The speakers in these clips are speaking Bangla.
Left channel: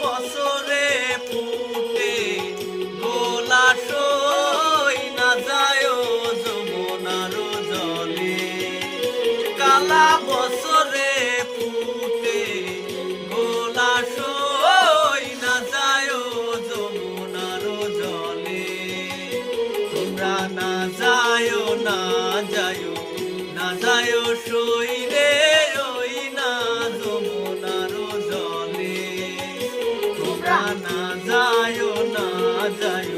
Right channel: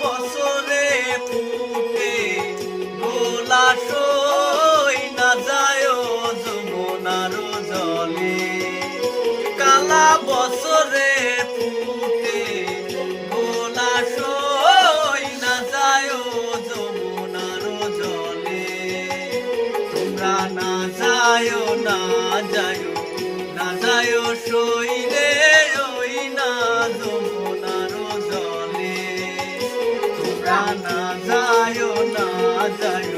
বছরে ফুটে গোলা সই না যায় যমুনার জলে কালা বছরে ফুটে গোলা সই না যায় যমুনার জলে তোমরা না যায় না যায় না যায় সই রে ওই না যমুনার জলে তোমরা না যায় না যায়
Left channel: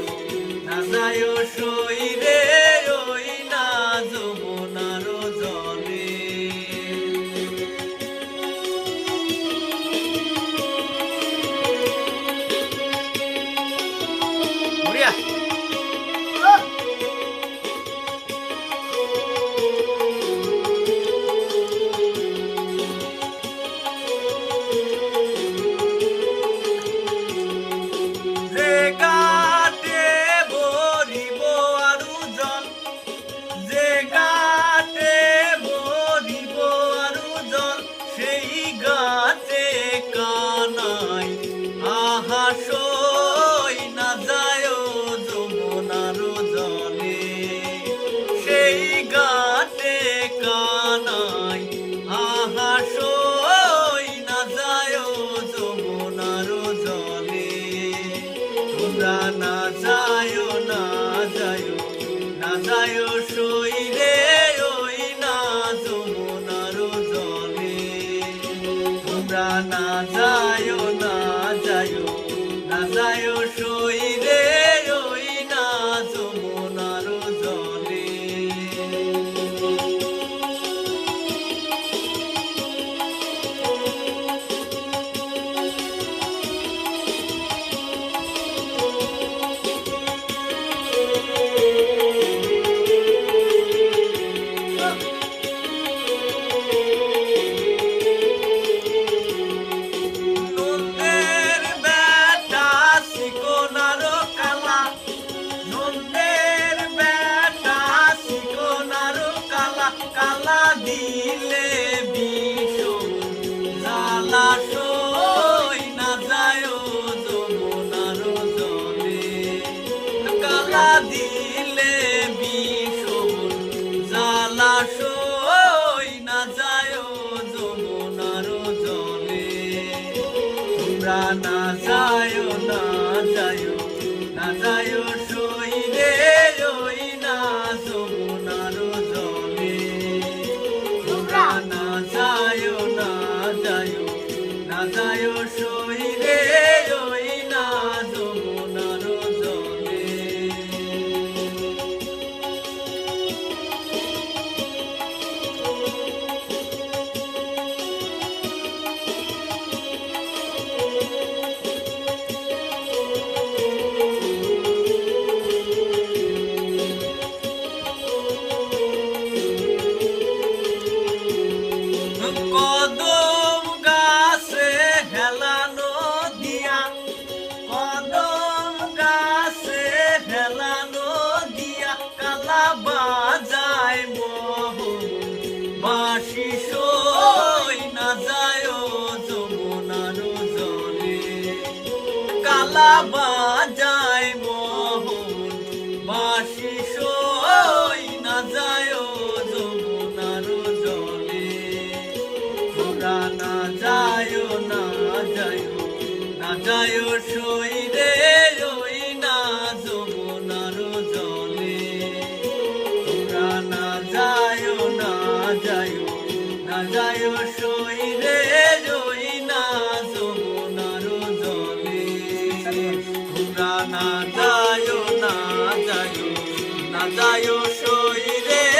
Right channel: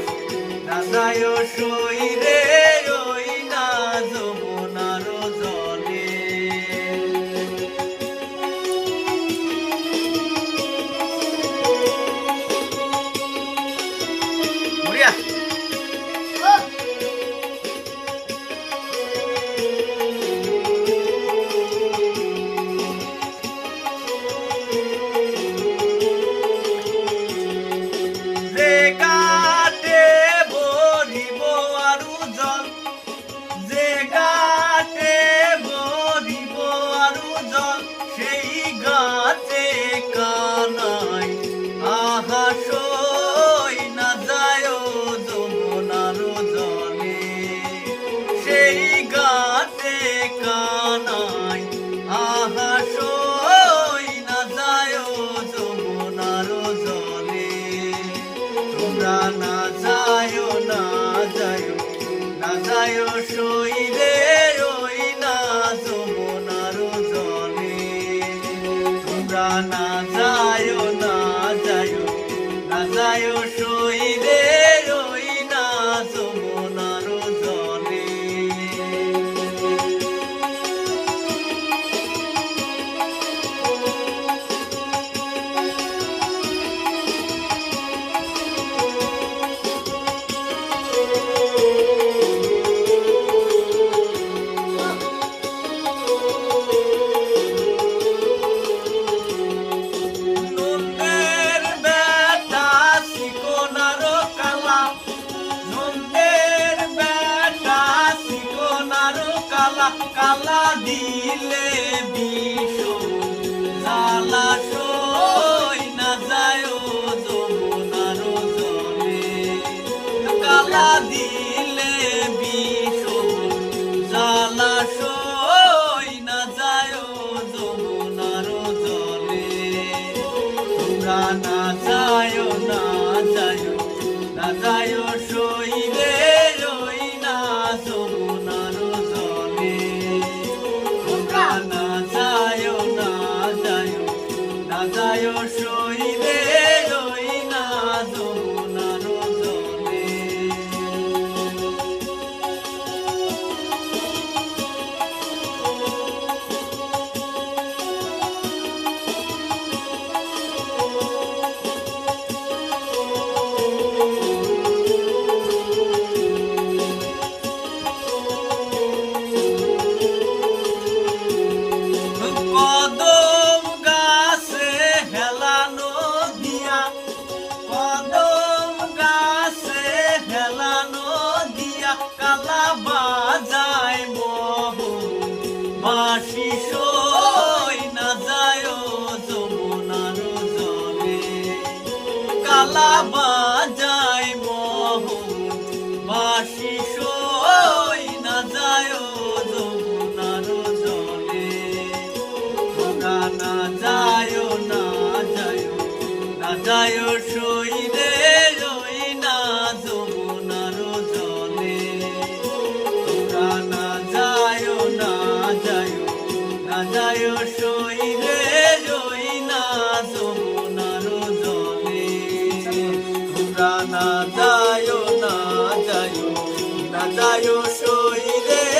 না যায় সই রে ওই না যমুনার জলে না যায় না যায় না যায় সই রে ওই না যমুনার জলে তোমরা না যায় না যায় না যায় সই রে ওই না যমুনার জলে কালা দিলে বিষ জ্বালা সই না যায় যমুনার জলে কালা দিলে বিষ জ্বালা সই না যায় যমুনার জলে তোমরা না যায় না যায় না যায় সই রে ওই না যমুনার জলে না যায় সই রে ওই না যমুনার জলে বাঁশি সই না যায় যমুনার জলে কালা বাজায় মোহন বাঁশি সই না যায় যমুনার জলে তোমরা না যায় না যায় না যায় সই রে ওই না যমুনার জলে তোমরা না যায় না যায় না যায় সই রে ওই না যমুনার জলে তোমরা না যায় না যায় না যায় সই রে